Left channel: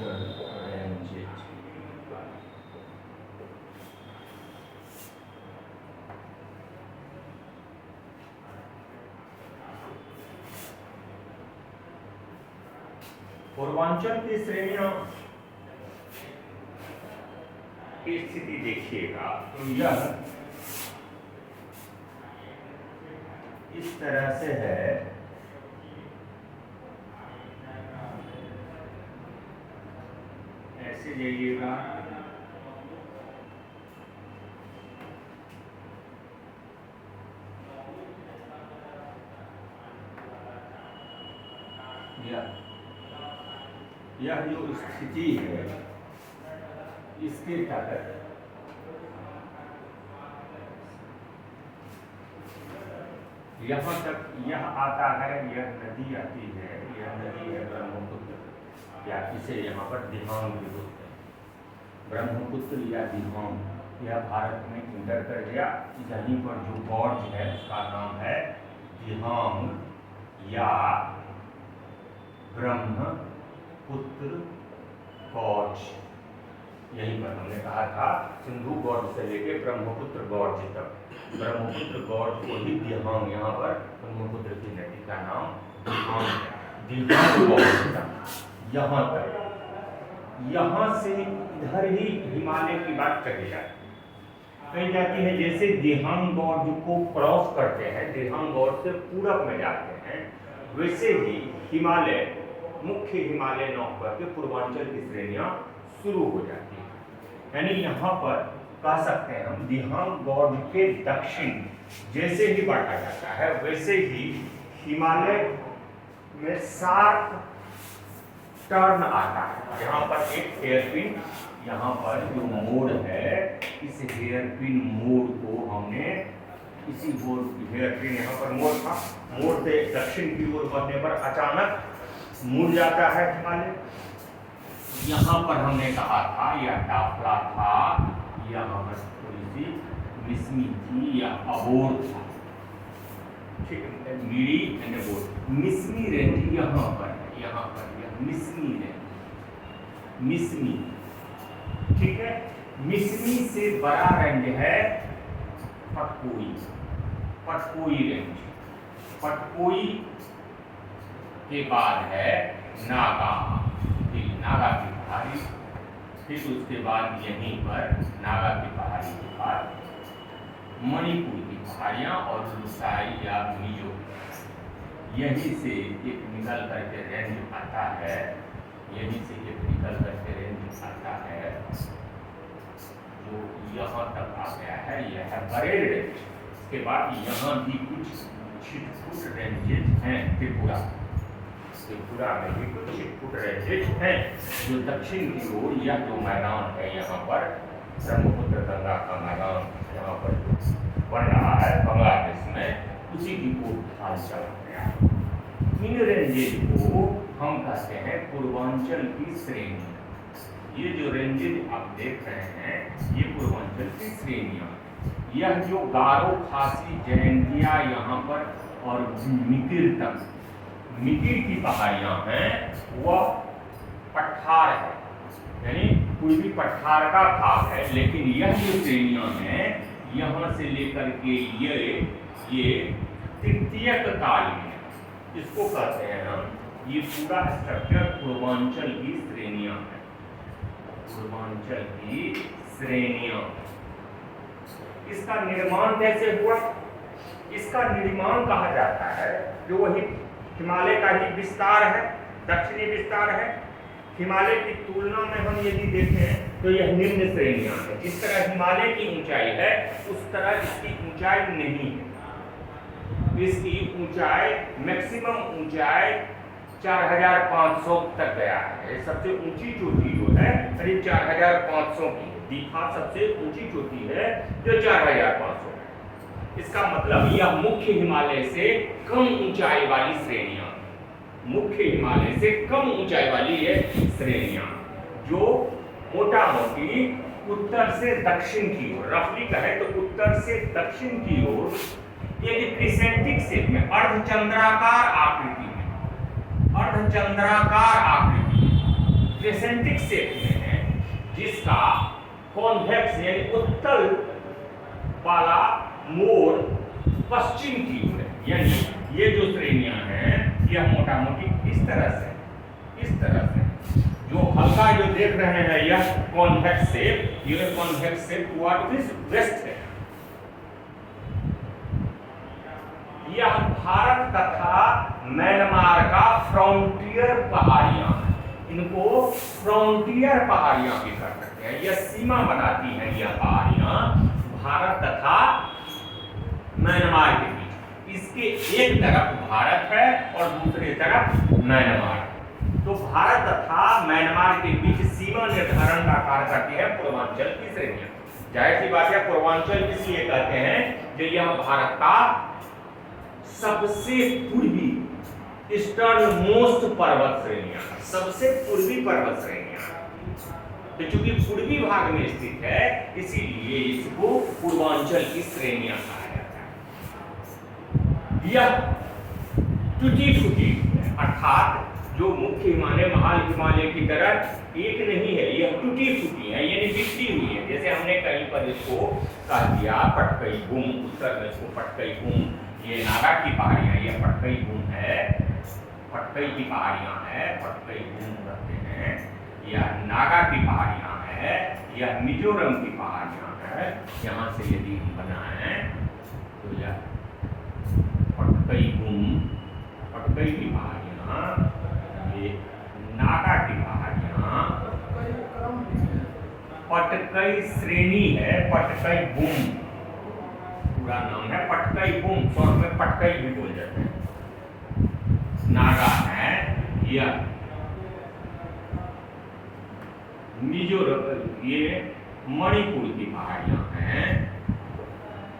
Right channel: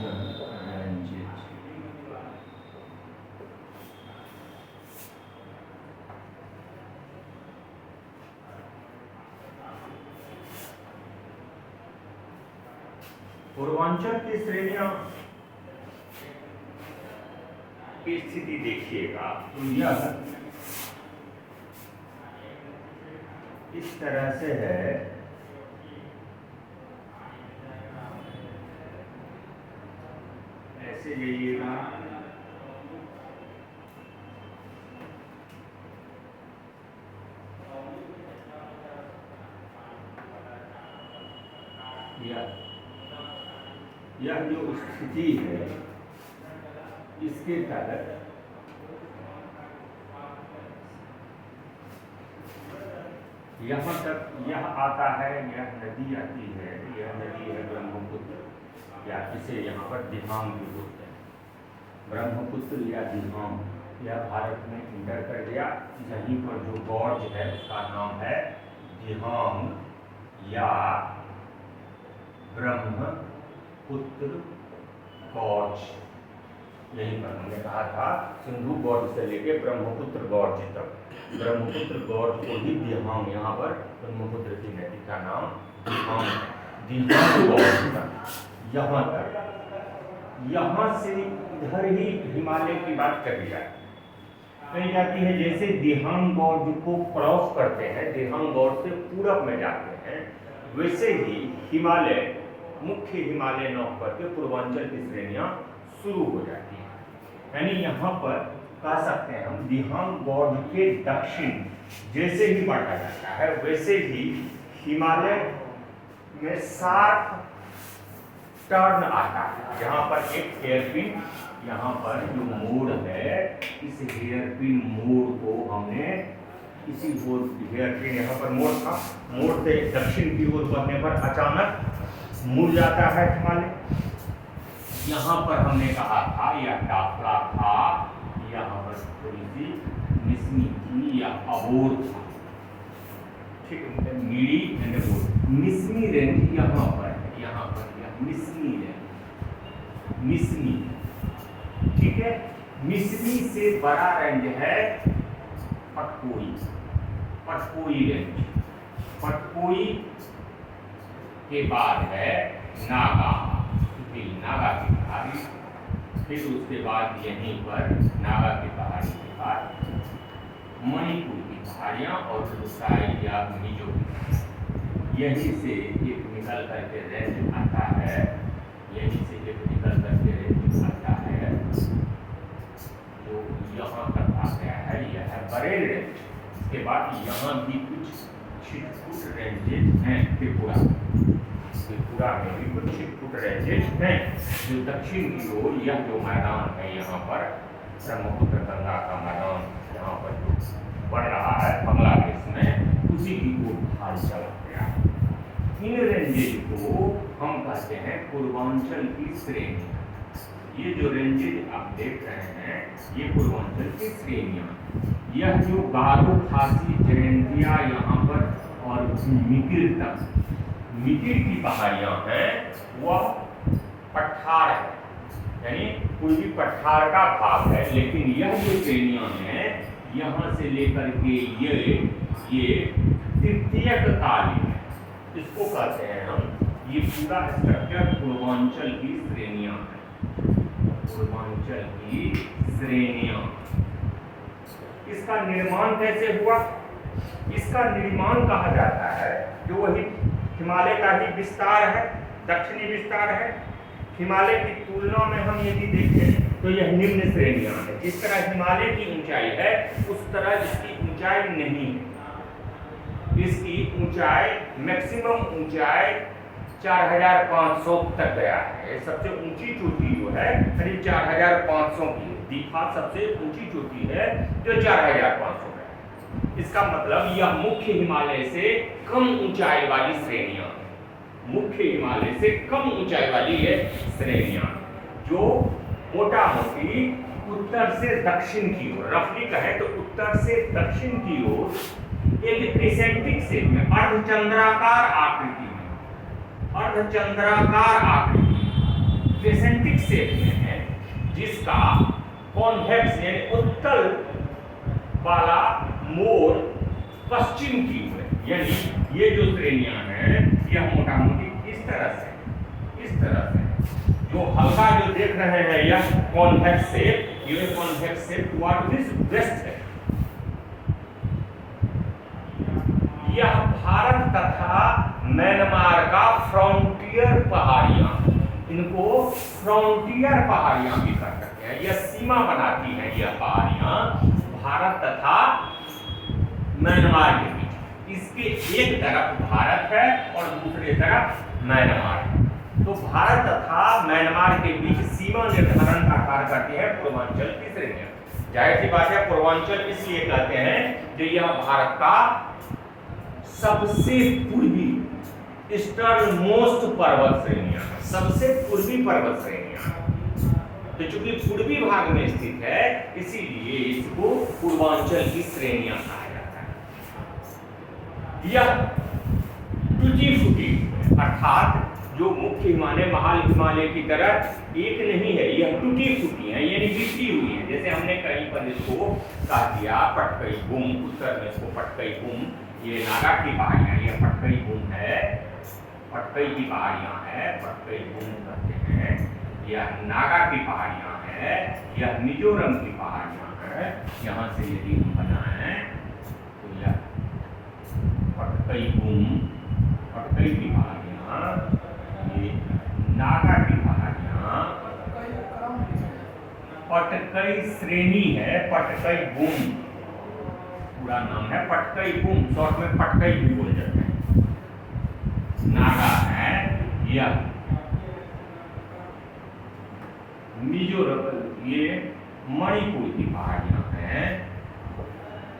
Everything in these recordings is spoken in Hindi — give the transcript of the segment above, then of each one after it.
रेंजेज। पूर्वांचल की श्रेणियां की स्थिति देखिएगा तो यह इस तरह से है। ऐसे जाइएगा, यह जो स्थिति है इसके तहत यहाँ तक यह आता है, यह नदी आती है, यह नदी है ब्रह्मपुत्र, या इसे यहाँ पर दिहांग भी बोलते हैं। ब्रह्मपुत्र या दिहांग, यह भारत में इंटर कर गया। यहीं पर जो गॉर्ज है उसका नाम है दिहांग या ब्रह्मपुत्र गॉर्ज। यहीं पर हमने कहा था सिंधु गॉर्ज से लेके ब्रह्मपुत्र गॉर्ज तक, ब्रह्मपुत्र गॉर्ज को ही दिहांग, यहाँ पर ब्रह्मपुत्र की नदी का नाम दिहांग है। दिहांग गॉर्ज तक, यहाँ तक, यहाँ से इधर ही हिमालय की बात करी जाती है। जैसे दिहांग गॉर्ज को क्रॉस करते हैं, दिहांग गॉर्ज से पूरब में जाते हैं, वैसे ही हिमालय, मुख्य हिमालय नौक करके पूर्वांचल की श्रेणियां शुरू हो जाती है। यानी यहाँ पर कह सकते हैं हम दिहांग गॉर्ज के दक्षिण जैसे ही बढ़ा जाता है वैसे ही हिमालय में शार्प टर्न आता है। यहाँ पर एक हेयरपिन, यहाँ पर जो मोड़ है, इस हेयरपिन मोड़ को हमने, इसी हेयरपिन यहाँ पर मोड़ था, मोड़ से दक्षिण की ओर बढ़ने पर अचानक मुड़ जाता है हिमालय। यहाँ पर हमने कहा था यह डाफला था, यहाँ पर थोड़ी सी मिसमी थी या अबोर था, ठीक है, मीरी एंड अबोर। मिसमी रेंज यहाँ पर है, यहाँ पर यह मिसमी रेंज, मिसमी, ठीक है। मिसमी से बड़ा रेंज है पटकोई, पटकोई रेंज। पटकोई के बाद है नागा, नागा की पहाड़ी, फिर उसके बाद यहीं पर नागा की पहाड़ी के बाद मणिपुर की पहाड़ियाँ और लुसाई या मिजो, यहीं से एक निकल करके रेंज आता है, यहीं से एक निकल करके रेंज आता है जो यहाँ तक आ गया है, यह है बरेल रेंज। इसके बाद यहाँ भी कुछ छिटपुट रेंजेज हैं, त्रिपुरा में भी कुछ छिटपुट रेंजेज हैं जो दक्षिण की ओर, यह जो मैदान है यहाँ पर ब्रह्मपुत्र गंगा का मैदान यहाँ पर जो बन रहा है बांग्लादेश में, उसी की ओर ढाल चला गया। इन रेंजेज को हम कहते हैं पूर्वांचल की श्रेणी। ये जो रेंजेज आप देख रहे हैं ये पूर्वांचल की श्रेणियां। यह जो गारो, खासी, जयंतिया यहाँ पर और मिकिर तक, मिकिर की पहाड़ियां हैं, वह पठार है, यानी पूर्वी पठार का भाग है। लेकिन यह जो श्रेणियां हैं यहाँ से लेकर के ये तृतीयक कालीन है, इसको कहते हैं हम। ये पूरा स्ट्रक्चर पूर्वांचल की श्रेणियां हैं, पूर्वांचल की श्रेणियां। इसका निर्माण कैसे हुआ? इसका निर्माण कहा जाता है जो वही हिमालय का ही विस्तार है, दक्षिणी विस्तार है। हिमालय की तुलना में हम यदि देखें तो यह निम्न श्रेणियां है। जिस तरह हिमालय की ऊंचाई है उस तरह इसकी ऊंचाई नहीं है। इसकी ऊंचाई, मैक्सिमम ऊंचाई 4500 तक गया है। ये सबसे ऊंची चोटी जो है करीब 4500 की है। दीघा सबसे ऊंची चोटी है जो 4500 है। इसका मतलब यह मुख्य हिमालय से कम ऊंचाई वाली श्रेणियां, मुख्य हिमालय से कम ऊंचाई वाली ये श्रेणियां जो मोटा मोटी उत्तर से दक्षिण की ओर, रफली कहे तो उत्तर से दक्षिण की ओर एक क्रिसेंटिक शेप में, अर्धचंद्राकार आकृति में, अर्धचंद्राकार आकृति क्रेसेंटिक शेप में है, जिसका कॉन्वेक्स यानी उत्तल वाला मोड़ पश्चिम की ओर है। यानी ये जो श्रेणियां हैं यह मोटा मोटी इस तरह से जो हल्का जो देख रहे हैं यह कॉन्वेक्स शेप, ये convex shape toward this west है। यह भारत तथा म्यांमार का फ्रंटियर पहाड़ियां, इनको फ्रंटियर पहाड़ियां भी कर सकते हैं। यह सीमा बनाती हैं यह पहाड़ियां भारत तथा म्यांमार के बीच। इसके एक तरफ भारत है और दूसरे तरफ म्यांमार। तो भारत तथा म्यांमार के बीच सीमा निर्धारण का कार्य करती है पूर्वांचल की श्रेणियां। जाहिर सी बात है, पूर्वांचल इसलिए कहते हैं कि यह भारत का सबसे पूर्वी ईस्टर्न मोस्ट पर्वत श्रेणियां, सबसे पूर्वी पर्वत श्रेणियां। तो चूंकि पूर्वी भाग में स्थित है इसीलिए इसको पूर्वांचल की श्रेणियां कहा जाता है। यह टूटी फूटी अर्थात जो मुख्य हिमालय महाल हिमालय की तरह एक नहीं है, यह टूटी फूटी है यानी बिखरी हुई है। जैसे हमने कहीं पर इसको कह दिया पटकई गुम, उत्तर में इसको पटकई गुम, ये नागा की पहाड़ियां, ये पटकई गुम है, पटकई की पहाड़ियां है, पटकई गुम कहते हैं। यह नागा की पहाड़ियां है, यह मिजोरम की पहाड़ियां है। यहाँ से यदि हम बनाएं तो यह पटकई गुम, पटकई की पहाड़ियां, ये नागा की पहाड़ियां, पटकई श्रेणी है, पटकई गुम पूरा नाम है, पटकई गुम, शॉर्ट में पटकई भी बोल जाते हैं। नागा है, यह मिजोरम, ये मणिपुर की पहाड़ियां हैं,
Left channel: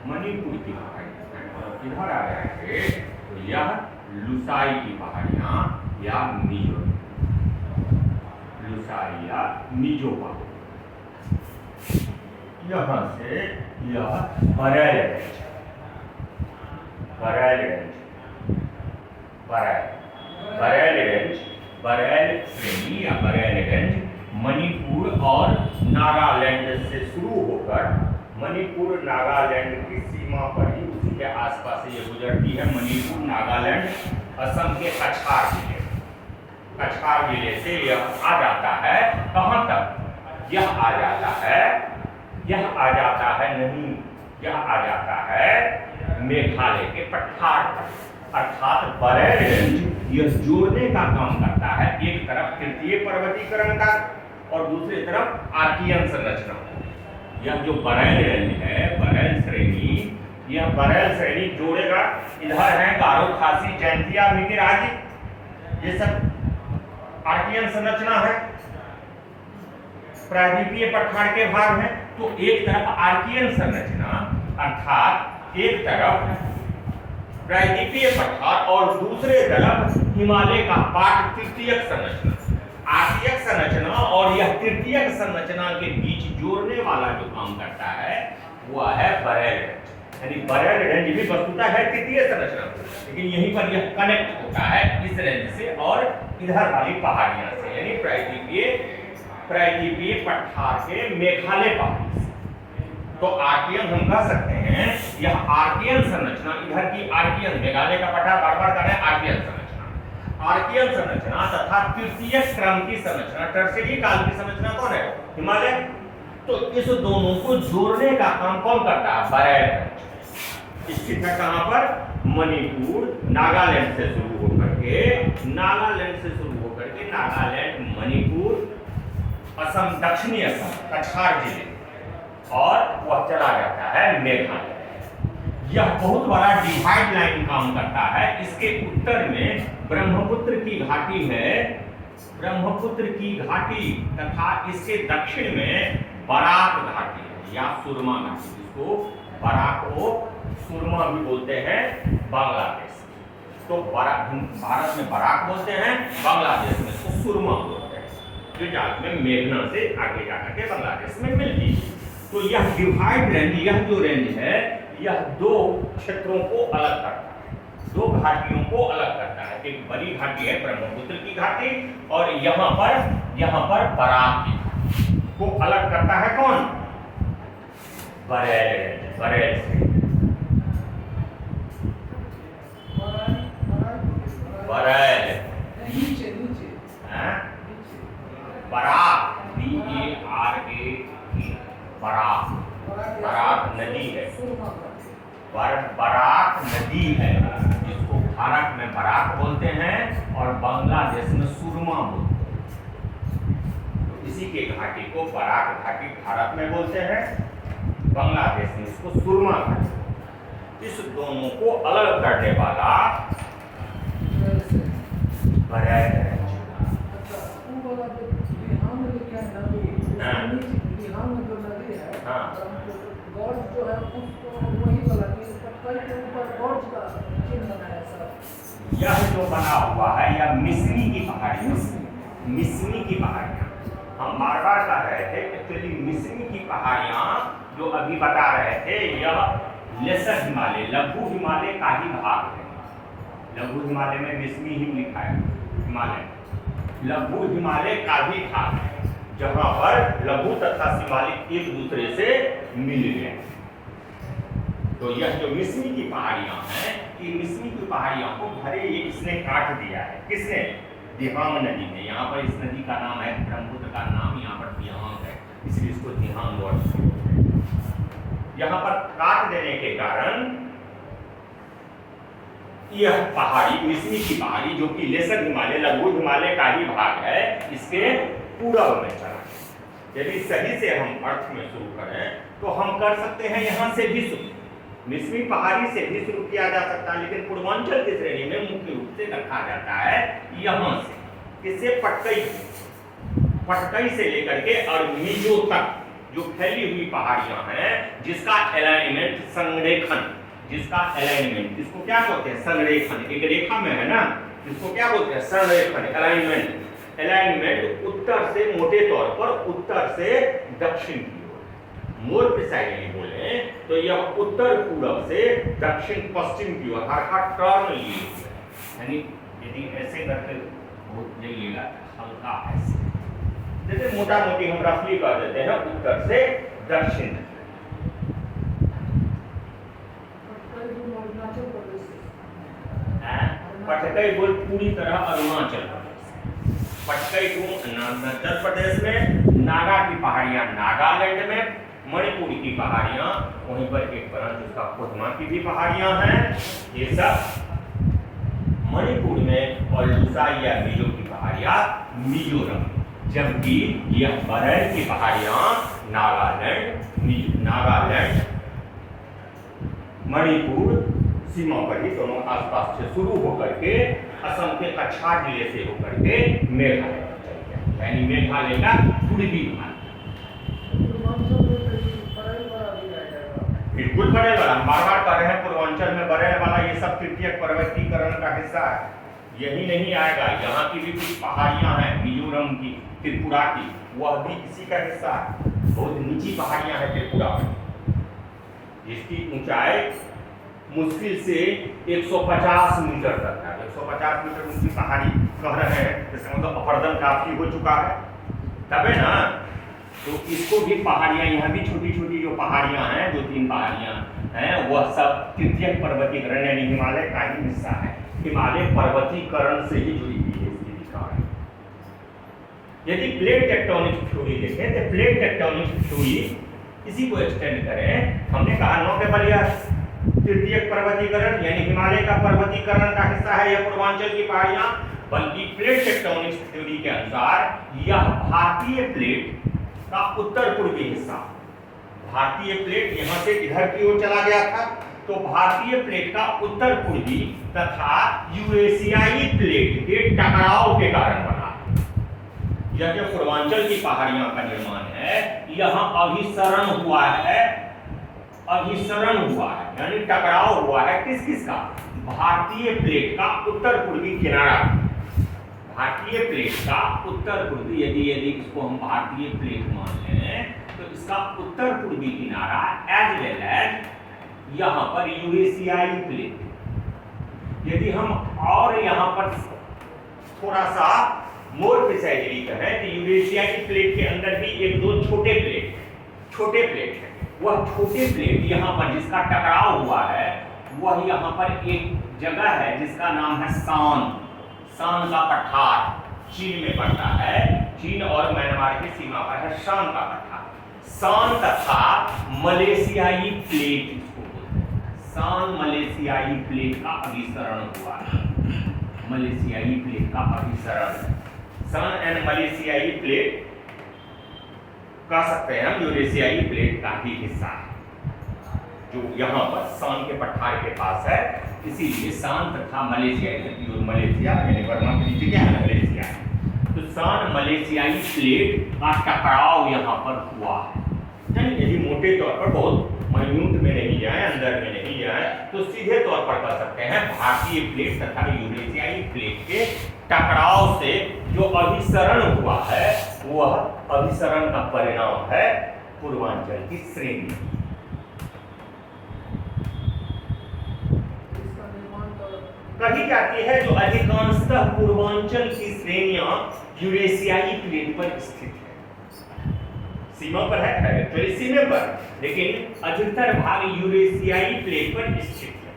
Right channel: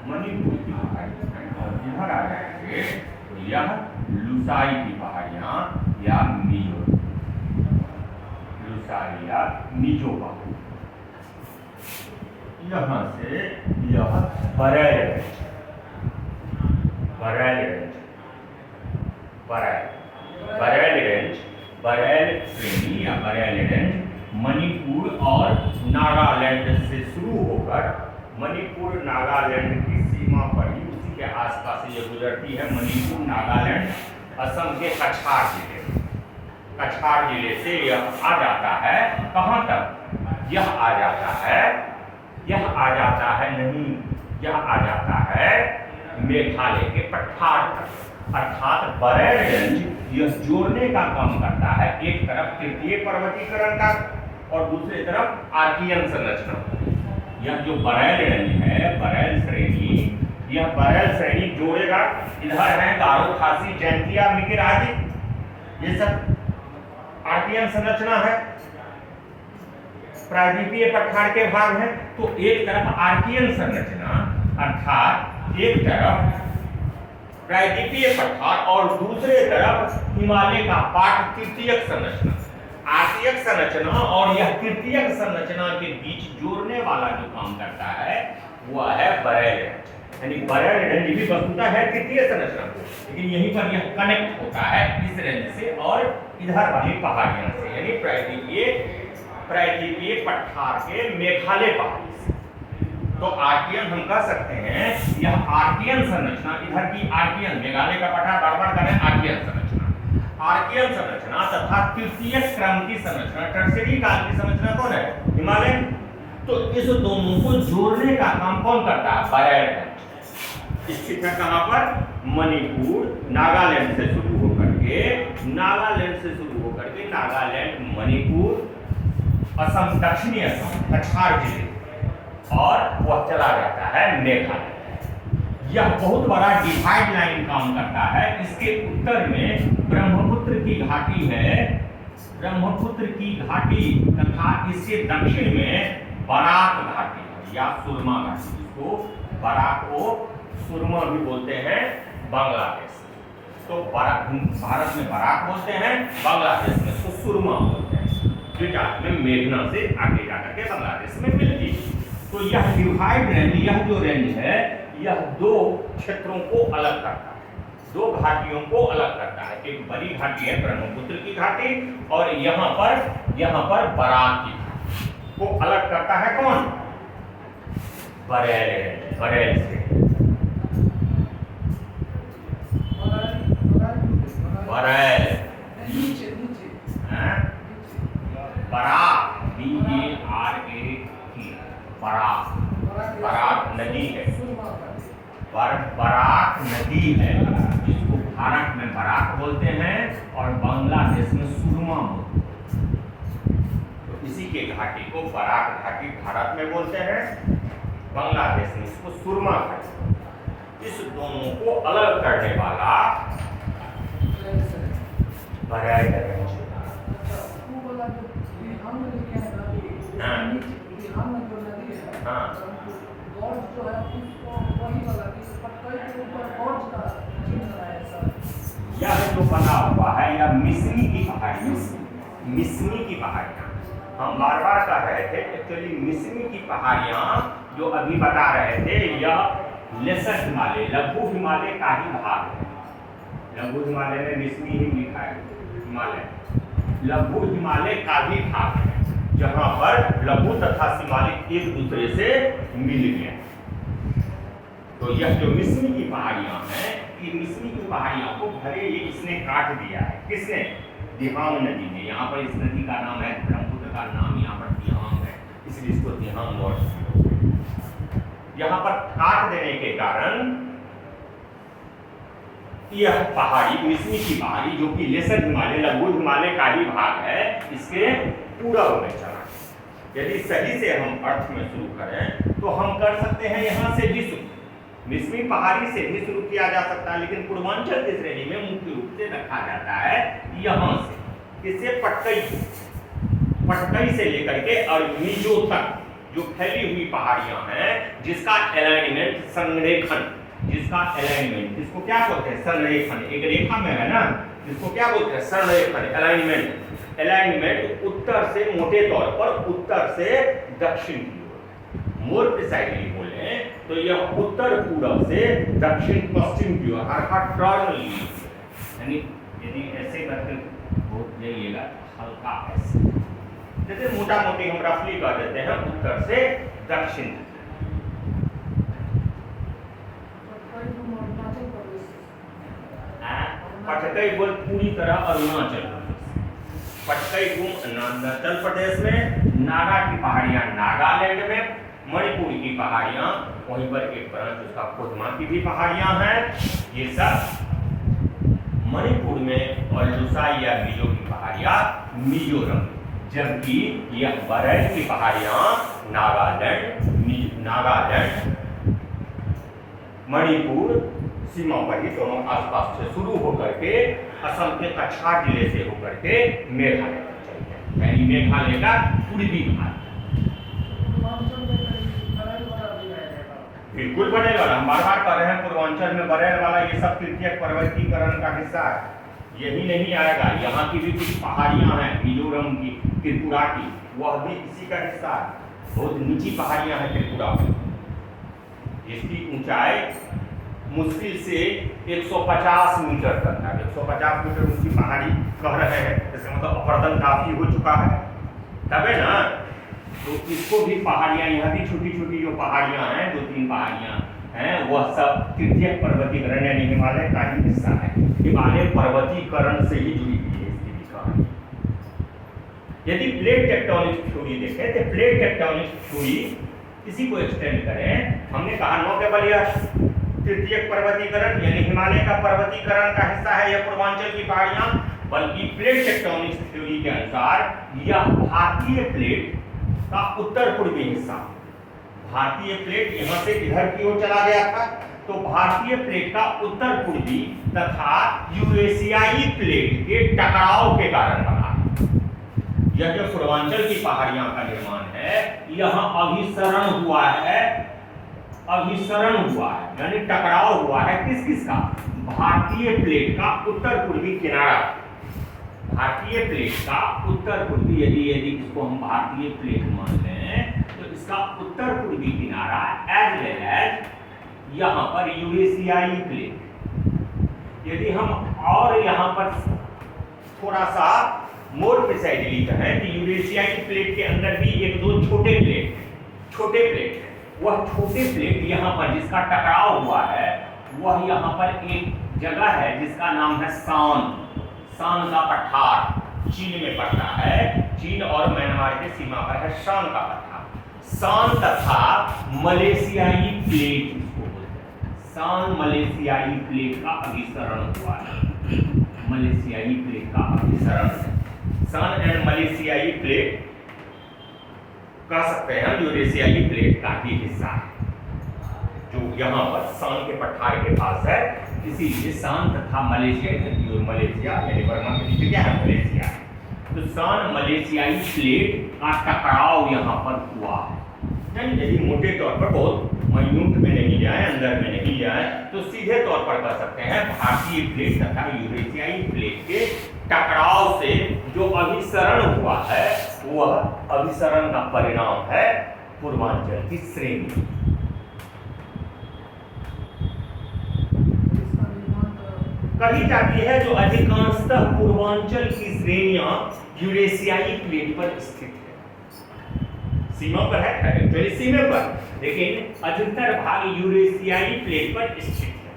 मणिपुर की पहाड़ियां हैं। और इधर आ जाएंगे तो यह लुसाई की पहाड़ियां या मिजो, लुसाई या मिजो पहाड़ी। यहाँ से यह बरैलगंज, बरैल श्रेणी या बरैलगंज मणिपुर और नागालैंड से शुरू होकर, मणिपुर नागालैंड की सीमा पर ही उसी के आसपास से ये गुजरती है। मणिपुर नागालैंड असम के कछार जिले से यह आ जाता है। कहाँ तक यह आ जाता है? यह आ जाता है नहीं, यह आ जाता है मेघालय के पठार तक। अर्थात बरैलगंज यह जोड़ने का काम करता है, एक तरफ तृतीय पर्वतीकरण का और दूसरी तरफ आर्कियन संरचना। यह जो बरैलगंज है, बरैल श्रेणी, यह बरैल श्रेणी जोड़ेगा। इधर है गारो, खासी, जैंतिया, मिकिर आदि, ये सब आर्कियन संरचना है, प्रायद्वीपीय पठार के भाग हैं। तो एक तरफ आर्कियन संरचना अर्थात एक तरफ प्रायद्वीपीय पठार और दूसरे तरफ हिमालय का पाट, तृतीयक संरचना। आर्कियक संरचना और यह तृतीयक संरचना के बीच जोड़ने वाला जो काम करता है वह है बरैलगंज। यानी बरैलगंज भी वस्तुतः है तृतीय संरचना, लेकिन यहीं पर यह कनेक्ट होता है इस रेंज से और इधर वाली पहाड़ियां से, यानी प्रायद्वीपीय पठार के मेघालय पहाड़ी से। तो आर्कियन हम कह सकते हैं, यह आर्कियन संरचना, इधर की आर्कियन, मेघालय का पठार बार-बार कर रहे हैं, आर्कियन संरचना, आर्कियन संरचना तथा तृतीय क्रम की संरचना, टर्शियरी काल की संरचना कौन है? हिमालय। तो इस दोनों को जोड़ने का काम कौन करता है? बरैलगंज। स्थित है कहां पर? मणिपुर, नागालैंड से शुरू होकर के, नागालैंड, मणिपुर, असम, दक्षिणी असम, कछार जिले और वह चला जाता है मेघालय। यह बहुत बड़ा डिवाइड लाइन काम करता है। इसके उत्तर में ब्रह्मपुत्र की घाटी है, ब्रह्मपुत्र की घाटी, तथा इसके दक्षिण में बराक घाटी है या सुरमा घाटी, जिसको बराक को सुरमा भी बोलते हैं बांग्लादेश। तो भारत में बराक बोलते हैं, बांग्लादेश में इसको सुरमा बोलते हैं, जो जात में मेघना से आगे जाकर के बांग्लादेश में मिलती है। तो यह डिवाइड रेंज, यह जो रेंज है, यह दो क्षेत्रों को अलग करता है। दो घाटियों को अलग करता है। एक बड़ी घाटी है ब्रह्मपुत्र की घाटी, और यहाँ पर बराक की घाटी को अलग करता है कौन? बरेल से। बरेल बराक, BARAK, बराक नदी है, बराक नदी है, जिसको भारत में बराक बोलते हैं और बांग्लादेश में सुरमा बोलते हैं। तो इसी के घाटी को बराक घाटी भारत में बोलते हैं, बांग्लादेश में इसको सुरमा घाटी। इस दोनों को अलग करने वाला बरेल है। यह जो बना हुआ है यह मिस्मी की पहाड़ियाँ, मिस्मी की पहाड़ियाँ हम बार बार कह रहे थे। एक्चुअली मिस्मी की पहाड़ियाँ जो अभी बता रहे थे, यह लेसर हिमालय, लघु हिमालय का ही भाग है। लघु हिमालय में मिस्मी ही लिखा है, हिमालय लघु हिमालय का भी भाग है, जहाँ पर लघु तथा शिवालिक एक दूसरे से मिल गए। तो यह जो मिस्मी की पहाड़ियाँ हैं, ये मिस्मी की पहाड़ियों को भरे ये इसने काट दिया है। किसने? दिहांग नदी ने। यहाँ पर इस नदी का नाम है, ब्रह्मपुत्र का नाम यहाँ पर दिहांग है, इसलिए इसको दिहांग वर्ड। यहाँ पर काट देने के कारण यह पहाड़ी, मिस्मी की पहाड़ी, जो कि लेसर हिमालय, लघु हिमालय का ही भाग है, इसके पूरब में चला। यदि सही से हम अर्थ में शुरू करें तो हम कर सकते हैं यहाँ से भी शुरू, मिस्मी पहाड़ी से भी शुरू किया जा सकता है, लेकिन पूर्वांचल की श्रेणी में मुख्य रूप से रखा जाता है यहाँ से। किससे? पटकई से लेकर के और मिजो तक जो फैली हुई पहाड़ियां हैं, जिसका अलाइनमेंट, संरेखन, जिसका अलाइनमेंट, इसको क्या बोलते हैं? संरेखन। एक रेखा में है ना, इसको क्या बोलते हैं? संरेखन, अलाइनमेंट। अलाइनमेंट उत्तर से, मोटे तौर पर उत्तर से दक्षिण की ओर, मोर प्रिसाइडली बोले तो यह उत्तर पूर्व से दक्षिण पश्चिम की ओर, अर्थात टर्न लिए, यानी यदि ऐसे करके बहुत जाइएगा, हल्का ऐसे, जैसे मोटा मोटी हम रफली कर देते हैं, उत्तर से दक्षिण। पटकई बोल पूरी तरह अरुणाचल प्रदेश, पटकई अरुणाचल प्रदेश में, नागा की पहाड़ियां नागालैंड में, मणिपुर की पहाड़ियां वहीं पर एक ब्रांच उसका कोहिमा की भी पहाड़ियां हैं, ये सब मणिपुर में, और लुसाई या मिजो की पहाड़ियां मिजोरम, जबकि यह बरेल की पहाड़ियां नागालैंड, मणिपुर सीमा पर ही दोनों आसपास से शुरू होकर के असम के कछार जिले से होकर के मेघालय चलते हैं, यानी मेघालय का पूर्वी भाग। बिल्कुल बरेल वाला हम बार बार कर रहे हैं, पूर्वांचल में बरेल वाला ये सब तृतीयक पर्वतीकरण का हिस्सा है। यही नहीं आएगा, यहाँ की भी कुछ पहाड़ियां हैं, मिजोरम की, त्रिपुरा की, वह भी इसी का हिस्सा है। बहुत नीची पहाड़ियां हैं त्रिपुरा में, इसकी ऊंचाई मुश्किल से 150 मीटर तक है। 150 मीटर ऊंची पहाड़ी कह रहे हैं, इसका मतलब अपर्दन काफी हो चुका है, तबे ना। तो इसको भी पहाड़ियां, यहाँ भी छोटी छोटी जो पहाड़ियां हैं, 2-3 पहाड़ियां हैं, वह सब तृतीयक पर्वतीकरण यानी हिमालय का ही हिस्सा है। हिमालय पर्वतीकरण से ही जुड़ी हुई है इसकी कहानी। यदि प्लेट टेक्टोनिक थ्योरी देखें तो प्लेट टेक्टोनिक थ्योरी इसी को एक्सटेंड करें, हमने कहा नो केवल यह तृतीयक पर्वतीकरण यानी हिमालय का पर्वतीकरण का हिस्सा है यह पूर्वांचल की पहाड़ियां, बल्कि प्लेट टेक्टोनिक्स थ्योरी के अनुसार यह भारतीय प्लेट का उत्तर पूर्वी हिस्सा, भारतीय प्लेट यहां से इधर की ओर चला गया था, तो भारतीय प्लेट का उत्तर पूर्वी तथा यूरेशियाई प्लेट के टकराव के कारण बना। यह जो पूर्वांचल की पहाड़ियां का निर्माण है, यह अभिसरण हुआ है, यानी टकराव हुआ है किस किस का? भारतीय प्लेट का उत्तर पूर्वी किनारा, भारतीय प्लेट का उत्तर पूर्वी, यदि इसको हम भारतीय प्लेट मान लें तो इसका उत्तर पूर्वी किनारा एज वेल एज यहाँ पर यूरेशियाई प्लेट, यदि हम और यहाँ पर थोड़ा सा मोर प्रिसाइजली कहें कि यूरेशियाई प्लेट के अंदर भी एक दो छोटे प्लेट है। वह छोटे प्लेट यहाँ पर जिसका टकराव हुआ है, वह यहाँ पर एक जगह है जिसका नाम है शान का पठार, चीन में पड़ता है। चीन और म्यांमार के सीमा पर है शान का पठार। शान तथा मलेशियाई प्लेट, इसको बोलते हैं शान मलेशियाई प्लेट का अभिसरण हुआ है। मलेशियाई प्लेट का अभिसरण, शान एंड मलेशियाई प्लेट कह सकते हैं हम यूरेशियाई प्लेट का ही हिस्सा है, जो यहाँ पर शान के पठार के पास है। इसीलिए शान तथा मलेशिया यानी बर्मा के नीचे क्या है, मलेशिया है। तो शान मलेशियाई प्लेट का टकराव यहाँ पर हुआ है। यदि मोटे तौर पर बहुत माइन्यूट में नहीं जाए, अंदर में नहीं जाए, तो सीधे तौर पर कह सकते हैं भारतीय प्लेट तथा यूरेशियाई प्लेट के टकराव से जो अभिसरण हुआ है, वह अभिसरण का परिणाम है पूर्वांचल की श्रेणी। कही जाती है जो अधिकांशतः पूर्वांचल की श्रेणियां यूरेशियाई प्लेट पर स्थित है। सीमा पर है, एक्चुअली सीमे पर, लेकिन अधिकतर भाग यूरेशियाई प्लेट पर स्थित है।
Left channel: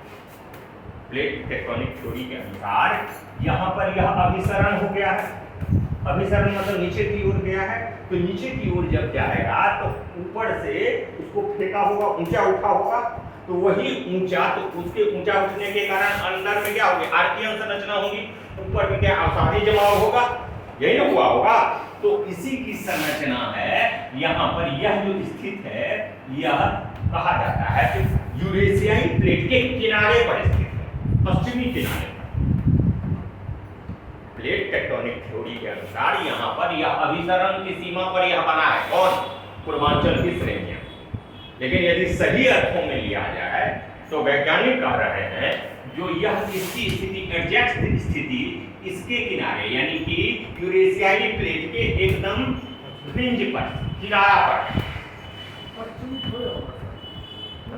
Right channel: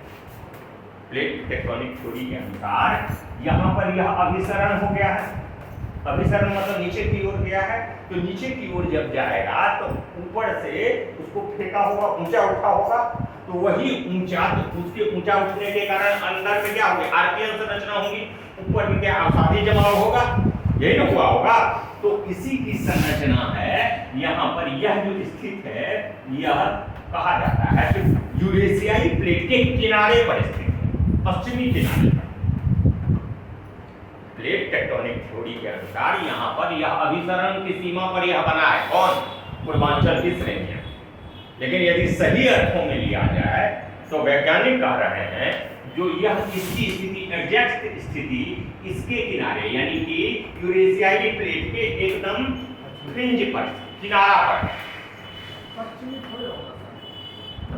प्लेट टेक्टोनिक थ्योरी के अनुसार यहाँ पर यह अभिसरण हो गया है। अभिसरण मतलब नीचे की ओर गया है, तो नीचे की ओर जब जाएगा तो ऊपर से उसको फेंका होगा, ऊंचा उठा होगा, तो वही ऊंचा, तो उसके ऊंचा उठने के कारण अंदर में क्या होगी, आर्कियन संरचना होगी, ऊपर में क्या अवसादी जमाव होगा, यही ना हुआ होगा। तो इसी की संरचना है यहाँ पर, यह जो स्थित है, यह कहा जाता है कि यूरेशियाई प्लेट के किनारे पर स्थित है, पश्चिमी किनारे पर। प्लेट टेक्टोनिक थ्योरी के अनुसार यहाँ पर यह अभिसरण की सीमा पर यह बना है, कौन, पूर्वांचल की श्रेणियां। लेकिन यदि सही अर्थों में लिया जाए तो वैज्ञानिक कह रहे हैं जो यह इसकी स्थिति, एग्जैक्ट स्थिति इसके किनारे यानी कि यूरेशियाई प्लेट के एकदम फ्रिंज पर, किनारा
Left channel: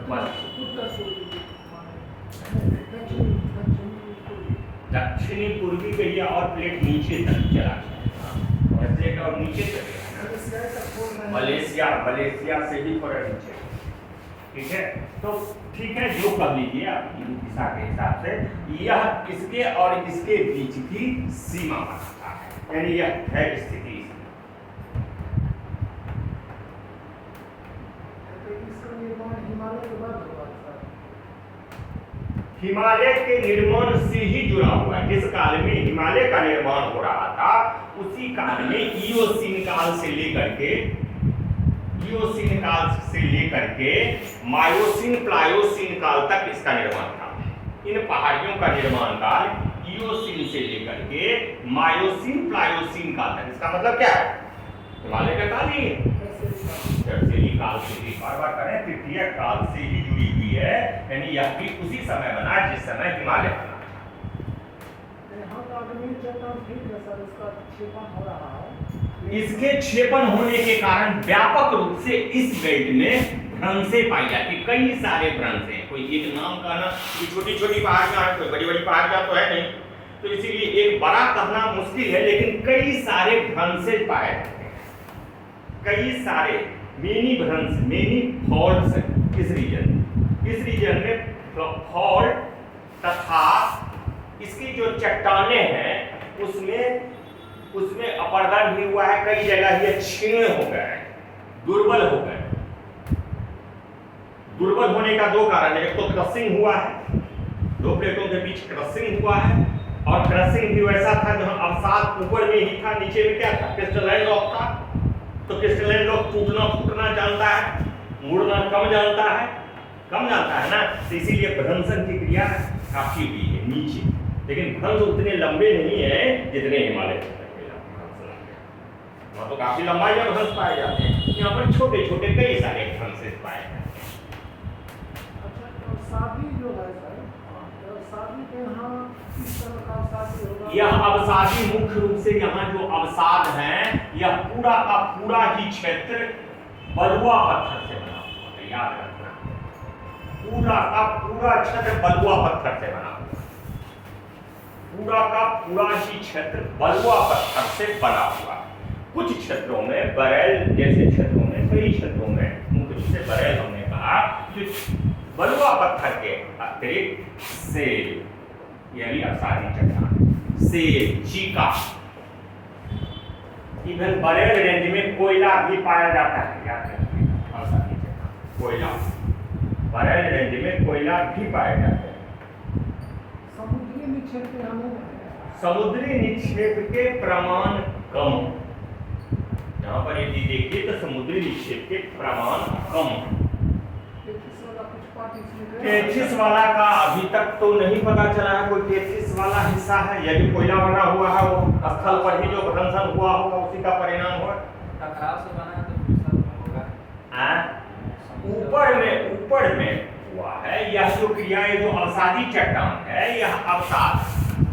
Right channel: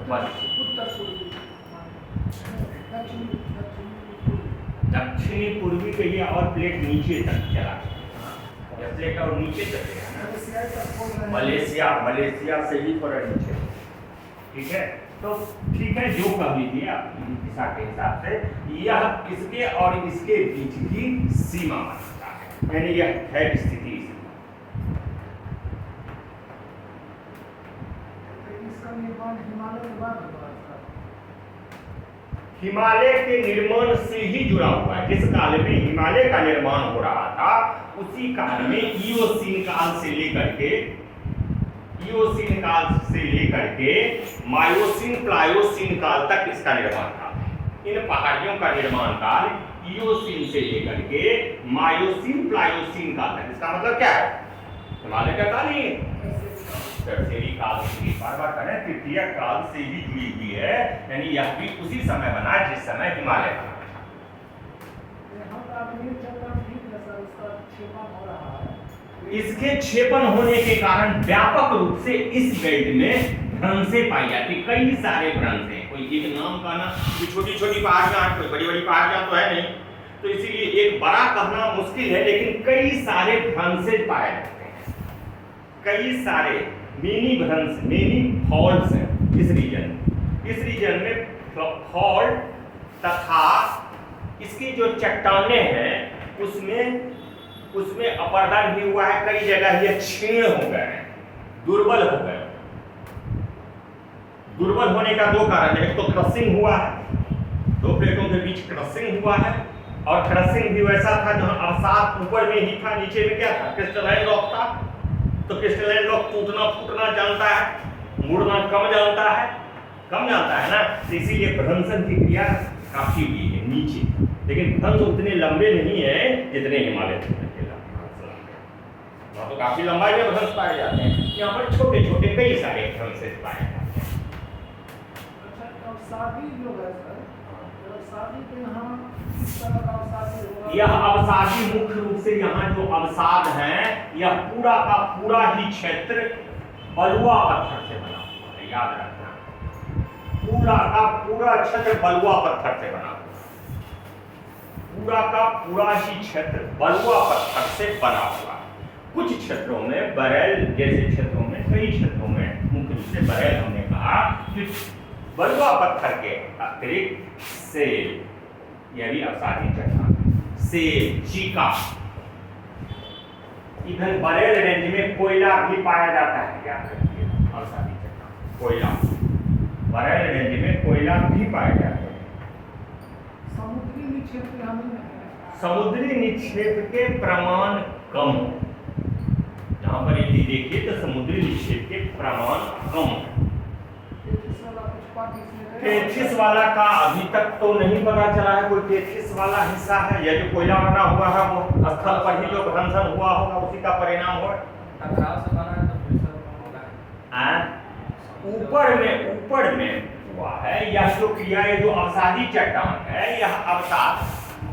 पर, दक्षिणी पूर्वी कहिए और प्लेट नीचे तक चला गया, प्लेट और नीचे तक गया, मलेशिया से भी थोड़ा नीचे, ठीक है। तो ठीक है, जो कह लीजिए आप दिशा के हिसाब से, यह इसके और इसके बीच की सीमा बनाता है, यानी यह है स्थिति। हिमालय के निर्माण से ही जुड़ा हुआ है। जिस काल में हिमालय का निर्माण हो रहा था, उसी काल में इयोसीन काल से लेकर के मायोसीन प्लायोसीन काल तक इसका निर्माण था। इन पहाड़ियों का निर्माण काल इयोसीन से लेकर के मायोसीन प्लायोसीन काल तक। इसका मतलब क्या है, हिमालय का काल ही टर्शियरी काल से, बार-बार करें, तृतीय काल से ही जुड़ी हुई है, यानी यह भी उसी समय बना जिस समय हिमालय बना। इसके क्षेपण होने के कारण व्यापक रूप से इस बेल्ट में भ्रंशें पाई जाती, कई सारे भ्रंशें। कोई एक नाम का ना, छोटी छोटी पहाड़ियां, कोई बड़ी बड़ी पहाड़ियां तो है नहीं, तो इसीलिए एक बड़ा कहना मुश्किल है, लेकिन कई सारे भ्रंशें पाए जाते हैं, कई सारे मिनी भ्रंश, मिनी फॉल्ट्स हैं इस रीजन में फॉल्ट तथा इसकी जो चट्टानें हैं उसमें अपरदन भी हुआ है, कई जगह ये क्षीण हो गए हैं, दुर्बल हो गए। दुर्बल होने का दो कारण है, एक तो क्रशिंग हुआ है, दो प्लेटों के बीच क्रशिंग हुआ है, और क्रशिंग भी वैसा था जहां अवसाद ऊपर में ही था, नीचे में क्या था, क्रिस्टलाइन रॉक था। तो क्रिस्टलाइन रॉक टूटना फूटना जानता है, मुड़ना कम जानता है ना, तो इसीलिए भ्रंशन की क्रिया काफी हुई है नीचे, लेकिन भ्रंश उतने लंबे नहीं है जितने हिमालय के वहाँ तो काफी लंबाई में भ्रंश पाए जाते हैं, यहाँ पर छोटे छोटे कई सारे भ्रंश पाए जाते हैं। यह अवसादी मुख्य रूप से यहाँ जो अवसाद हैं, यह पूरा का पूरा ही क्षेत्र बलुआ पत्थर से बना हुआ है, याद रखना, पूरा का पूरा क्षेत्र बलुआ पत्थर से बना हुआ है। पूरा का पूरा ही क्षेत्र बलुआ पत्थर से बना हुआ। कुछ क्षेत्रों में बरेल जैसे क्षेत्रों में, कई क्षेत्रों में मुख्य रूप से बरेल हमने कहा कि बलुआ पत्थर के अतिरिक्त सेल, यह भी अवसादी चट्टान, सेल, चीका, इधर बरेल रेंज में कोयला भी पाया जाता है। याद रखिए, अवसादी चट्टान, कोयला, बरेल रेंज में कोयला भी पाया जाता है। समुद्री निक्षेप के प्रमाण कम, यहाँ पर यदि देखिए तो समुद्री निक्षेप के प्रमाण कम। 33 वाला का अभी तक तो नहीं पता चला है, कोई 33 वाला हिस्सा है या जो कोयला बना हुआ है वो स्थल पर ही जो भंसन हुआ होगा उसी का परिणाम हो। ऊपर में हुआ है यह जो क्रिया है, जो अवसादी चट्टान है, यह अवसाद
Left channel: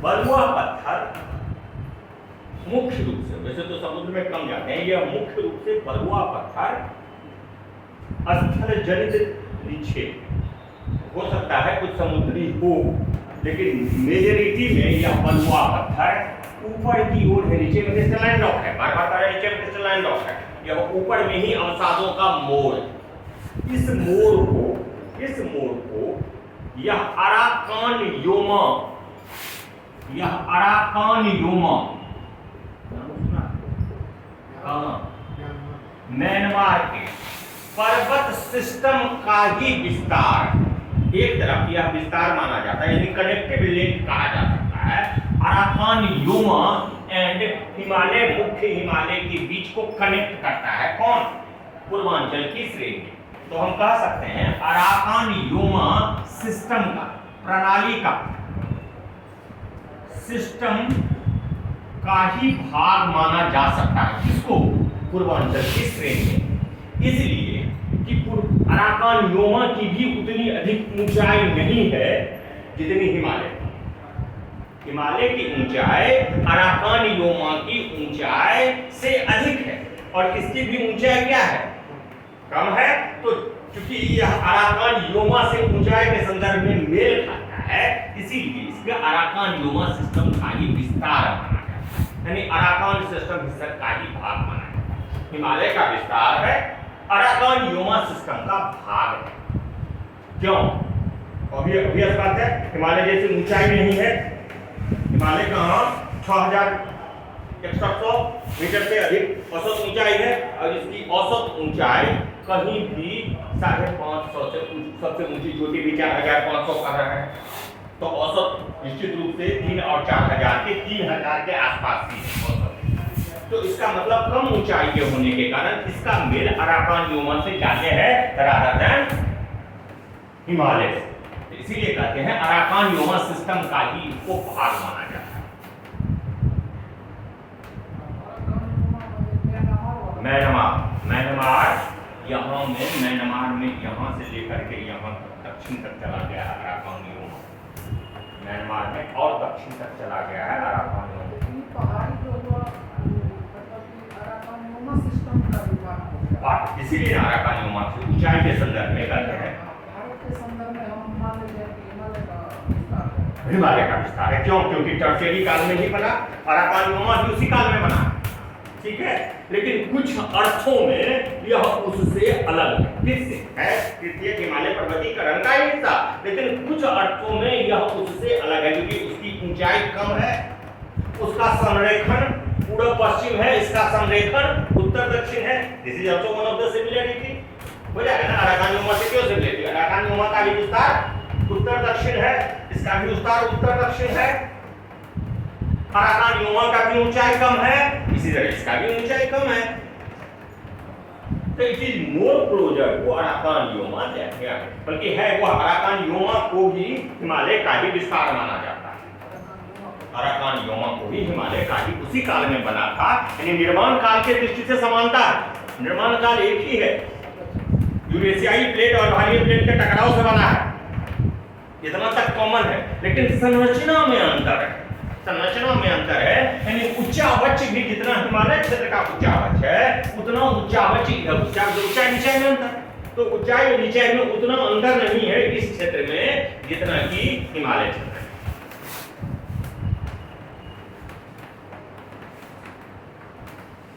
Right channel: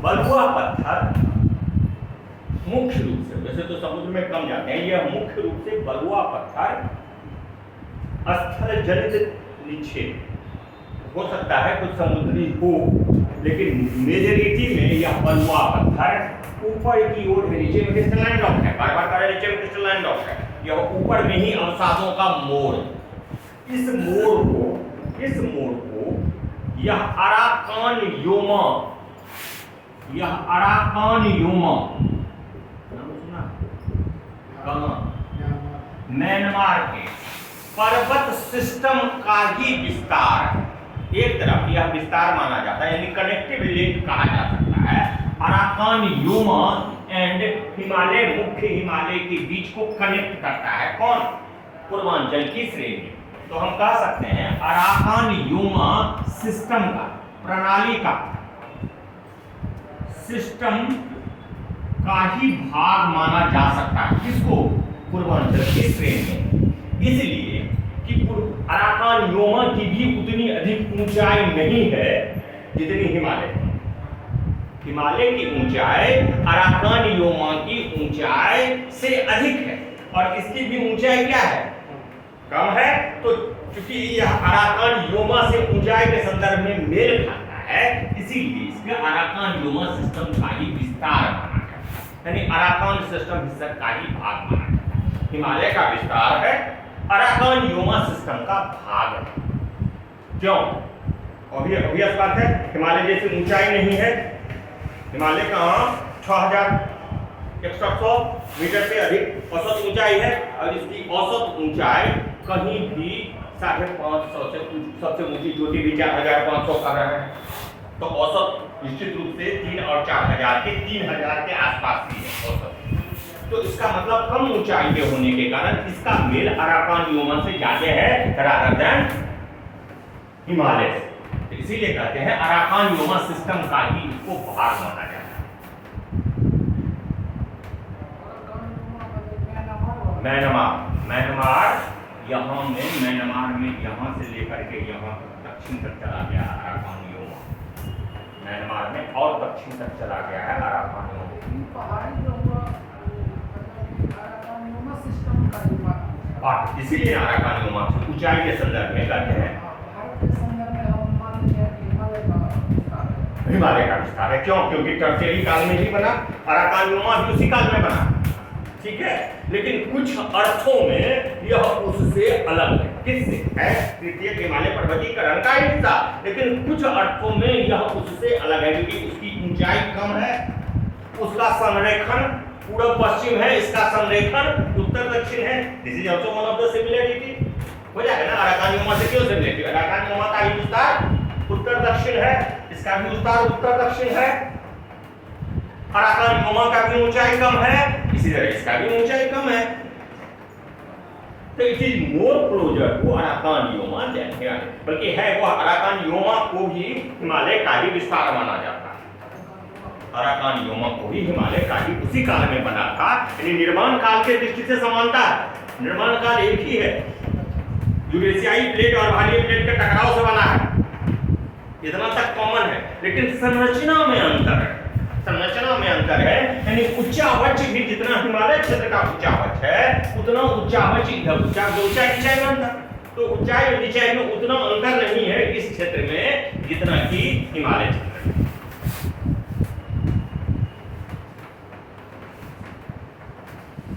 बलुआ पत्थर मुख्य रूप से, वैसे तो समुद्र में कम जाते हैं, यह मुख्य रूप से बलुआ पत्थर स्थल जनित निक्षेप हो सकता है, कुछ समुद्री हो, लेकिन मेजोरिटी में यह बलुआ पत्थर ऊपर की ओर है। नीचे में क्रिस्टलाइन रॉक है, बार बार नीचे में क्रिस्टलाइन रॉक है, यह ऊपर में ही अवसादों का मोड़। इस मोड़ को यह अराकान योमा, म्यांमार के पर्वत सिस्टम का ही विस्तार, एक तरफ यह विस्तार माना जाता है, यानी कनेक्टिव लिंक कहा जा सकता है। अराकान योमा एंड हिमालय, मुख्य हिमालय के बीच को कनेक्ट करता है कौन? पूर्वांचल की श्रेणी। तो हम कह सकते हैं अराकान योमा सिस्टम का, प्रणाली का, सिस्टम का ही भाग माना जा सकता है। किसको? पूर्वांचल की श्रेणी में। इसलिए कि अराकान योमा की भी उतनी अधिक ऊंचाई नहीं है जितनी हिमालय की ऊंचाई अराकान योमा की ऊंचाई से अधिक है, और इसकी भी ऊंचाई क्या है? कम है। तो चूंकि यह अराकान योमा से ऊंचाई के संदर्भ में मेल खाता है, इसीलिए इसका अराकान योमा सिस्टम का ही विस्तार माना जाता है, यानी अराकान सिस्टम हिस्सा का ही भाग माना जाता है। हिमालय का विस्तार है, अराकान योमा सिस्टम का भाग है। क्यों? अभी बात है, हिमालय जैसी ऊंचाई नहीं है। हिमालय कहाँ 6100 मीटर से अधिक औसत ऊंचाई है, और इसकी औसत ऊंचाई कहीं भी 550 से सबसे ऊंची चोटी भी 4500 का है। तो औसत निश्चित रूप से 3 और 3000 के आसपास की है औसत। तो इसका मतलब कम ऊंचाई के होने के कारण इसका मेल अराकान योमा से ज्यादा है रादर देन हिमालय से। इसीलिए कहते हैं अराकान योमा सिस्टम का ही इसको भाग माना जाता है। म्यांमार म्यांमार में यहाँ से लेकर के यहाँ दक्षिण तक चला गया है अराकान योमा। म्यांमार में और दक्षिण तक चला गया है अराकान योमा। इसीलिए अराकान योमा की ऊंचाई के संदर्भ में कहते हैं हिमालय का विस्तार है। क्यों? क्योंकि टर्शियरी काल में ही बना, अराकान योमा भी उसी काल में बना, ठीक है। लेकिन कुछ अर्थों में यह उससे अलग है। किससे है? तृतीय हिमालय पर्वतीकरण का हिस्सा, लेकिन कुछ अर्थों में यह उससे अलग है, क्योंकि उसकी ऊंचाई कम है, उसका संरेखण पूर्व पश्चिम है, इसका संरेखन उत्तर दक्षिण है। This is also one of the similarity. हो जाएगा ना, अराकान योमा से क्यों सिमिलरिटी? अराकान योमा का भी विस्तार उत्तर दक्षिण है, इसका भी विस्तार उत्तर दक्षिण है। अराकान योमा का भी ऊंचाई कम है, इसी तरह इसका भी ऊंचाई कम है। तो it is more closer to Arakan Yoma than here, बल्कि है वह अराकान योमा को भी हिमालय का ही विस्तार माना जाता है। अराकान योमा को भी हिमालय का ही उसी काल में बना था, यानी निर्माण काल के दृष्टि से समानता है। निर्माण काल एक ही है, यूरेशियाई प्लेट और भारतीय प्लेट के टकराव से बना है, इतना तक कॉमन है। लेकिन संरचना में अंतर है, यानी उच्चावच भी जितना हिमालय क्षेत्र का उच्चावच है, उतना उच्चावच इधर ऊंचाई नीचाई में अंतर। तो ऊंचाई और नीचाई में उतना अंतर नहीं है इस क्षेत्र में जितना कि हिमालय क्षेत्र में।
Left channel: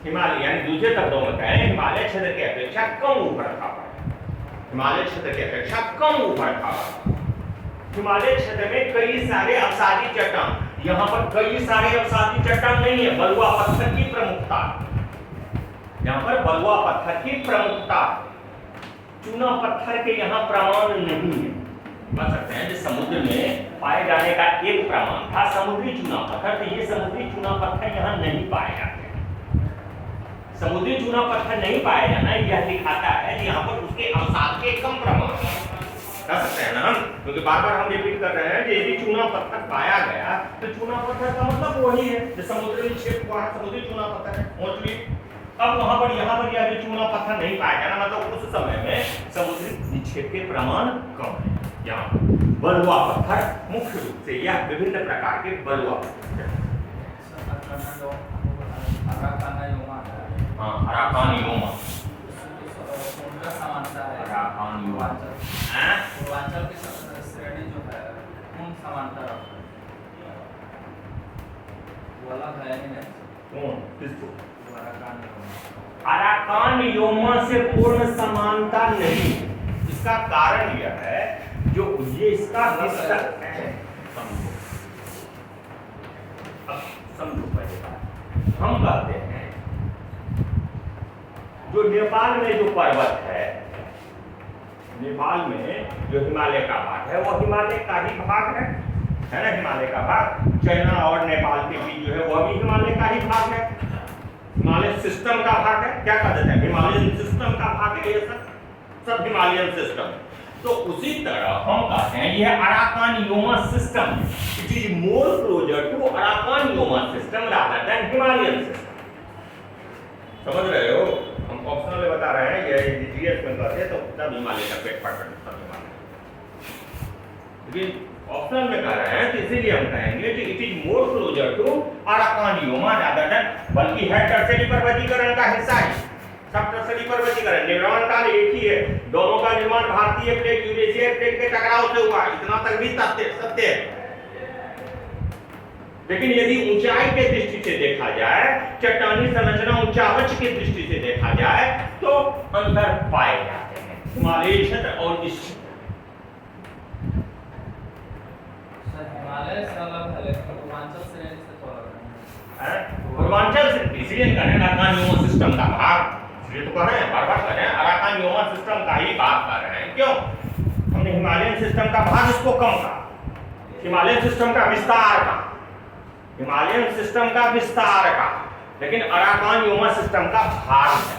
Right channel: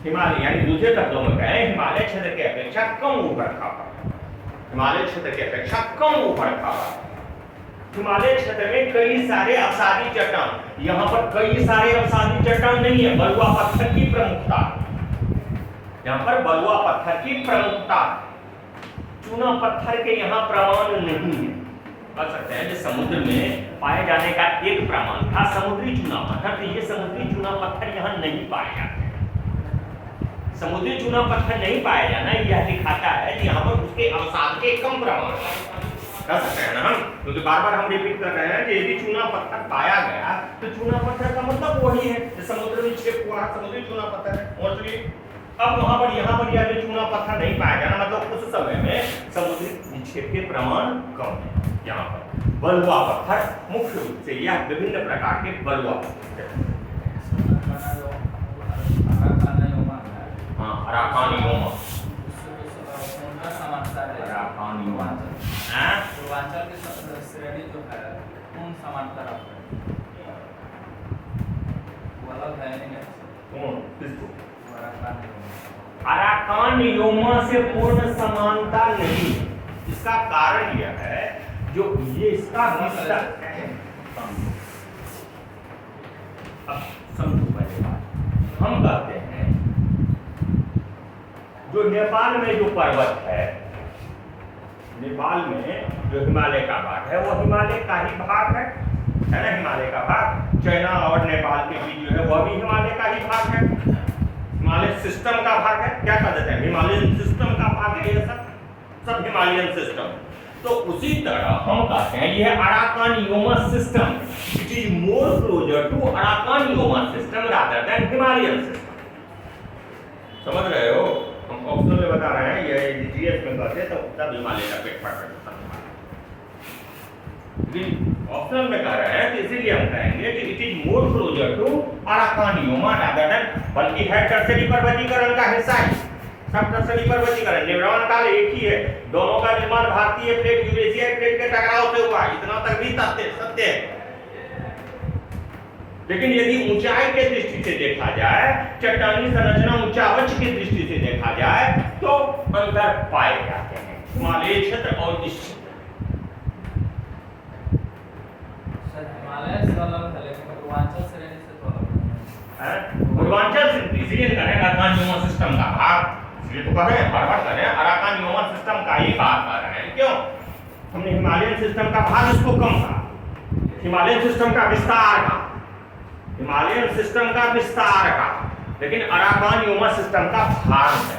हिमालय यानी दूसरे शब्दों में कहें हिमालय क्षेत्र की अपेक्षा कम ऊपर खापर है, हिमालय क्षेत्र की अपेक्षा कम ऊपर खापर। हिमालय क्षेत्र में कई सारे अवसादी चट्टान, यहाँ पर कई सारे अवसादी चट्टान नहीं है, बलुआ पत्थर की प्रमुखता है। यहाँ पर बलुआ पत्थर की प्रमुखता है, चूना पत्थर के यहाँ प्रमाण नहीं है। कह सकते हैं जो समुद्र में पाए जाने का एक प्रमाण था समुद्री चूना पत्थर, तो ये समुद्री चूना पत्थर यहाँ नहीं पाए जाते। समुद्री चूना पत्थर नहीं पाया जाना यह दिखाता है कि यहाँ पर उसके अवसाद के कम प्रमाण है। कह सकते हैं ना हम, क्योंकि बार बार हम रिपीट कर रहे हैं कि यदि चूना पत्थर पाया गया तो चूना पत्थर का मतलब वही है जो समुद्र में निक्षेप हुआ है, समुद्री चूना पत्थर है। मोस्टली अब वहां पर यहाँ पर यह चूना पत्थर नहीं पाया जाना, मतलब उस समय में समुद्री निक्षेप के प्रमाण कम है। यहाँ पर बलुआ पत्थर मुख्य रूप से यह विभिन्न प्रकार के बलुआ पत्थर, हाँ अराकानियोमा, अराकानियोमा, पूर्वांचल की श्रेणी जो है कौन समांतर वो अलग है नहीं, कौन किसको? अराकानियोमा अराकानियोमा से पूर्ण समानता नहीं। इसका कारण यह है जो ये इसका विस्तार है। अब समझो पहले बात, हम कहते हैं जो नेपाल में जो पर्वत है, नेपाल में जो हिमालय का भाग है वो हिमालय का ही भाग है ना, हिमालय का भाग। चाइना और नेपाल के बीच जो है वह भी हिमालय का ही भाग है, हिमालय सिस्टम का भाग है। क्या कह देते हैं, हिमालयन सिस्टम का भाग है, ये सब हिमालयन सिस्टम। तो उसी तरह हम कहते हैं यह Arakan Yoma system, it is more closer to Arakan Yoma system rather than Himalayan system. समझ रहे हो, हम ऑप्शनल में बता रहे हैं, ये जीएस में कहते हैं तो तब हिमालय का पेट फाड़ कर सब हिमालय, ऑप्शनल में कह रहे हैं तो इसीलिए हम कहेंगे कि it is more closer to Arakan Yoma rather than, बल्कि है टर्शियरी पर्वतीकरण का हिस्सा है। सब टर्शियरी पर्वतीकरण निर्माण काल एक ही है, दोनों का निर्माण भारतीय प्लेट यूरेशियाई प्लेट के टकराव से हुआ, इतना तक भी सत्य है। लेकिन यदि ऊंचाई के दृष्टि से देखा जाए, चट्टानी संरचना ऊंचावच की दृष्टि से देखा जाए तो अंतर पाए जाते हैं हिमालय क्षेत्र और इस क्षेत्र। हिमालय से अलग है लेकिन पूर्वांचल श्रेणी से तो अलग है। पूर्वांचल से इसीलिए कहें अराकानियोमा सिस्टम का भाग, ये तो कहें बार बार करें अराकानियोमा सिस्टम का ही भाग कर रहे हैं। क्यों? हमने हिमालयन सिस्टम का भाग इसको कम कहा, हिमालयन सिस्टम का विस्तार का, हिमालयन सिस्टम का विस्तार का, लेकिन अराकानियोमा सिस्टम का भाग है।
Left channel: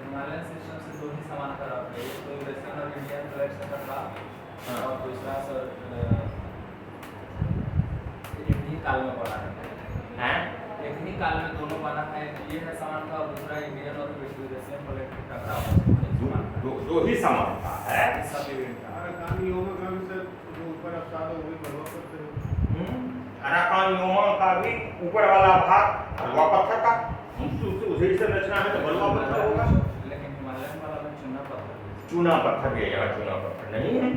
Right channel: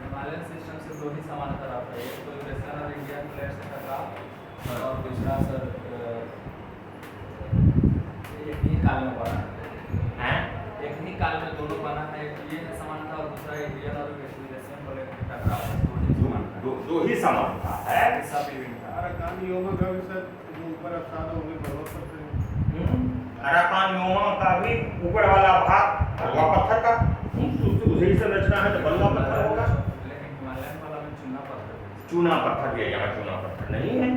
हिमालयन सिस्टम से दो ही समांतर आते हैं, एक तो इंडस्ट्रियल और इंडियन प्लेट से टकरा और दूसरा सर एक ही काल में बना है, एक ही काल में दोनों बना है, ये है समानता और दूसरा इंडियन और यूरेशियन प्लेट के टकराव, दो ही समानता है। सब इवेंट अराकानियोमा का भी सर जो ऊपर अवसाद हो गए पर्वत पर से, अराकानियोमा का भी ऊपर वाला भाग बलुआ पत्थर का, उसी संरचना है तो बलुआ पत्थर होगा। लेकिन हिमालयन वाला में चूना पत्थर भी है, यहाँ चूना पत्थर नहीं है,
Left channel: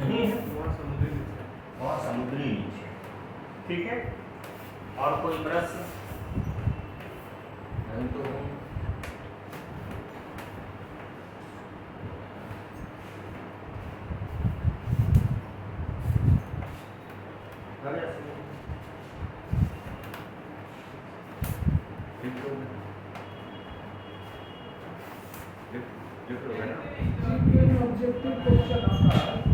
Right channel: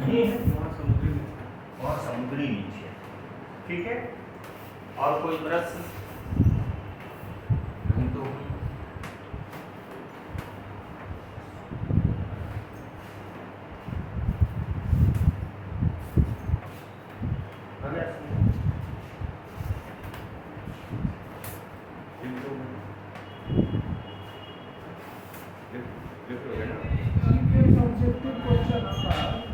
नहीं है, वहाँ समुद्री नीचे। और समुद्री नीचे। ठीक है, और कोई प्रश्न? नहीं तो ऑब्जेक्टिव क्वेश्चन आता है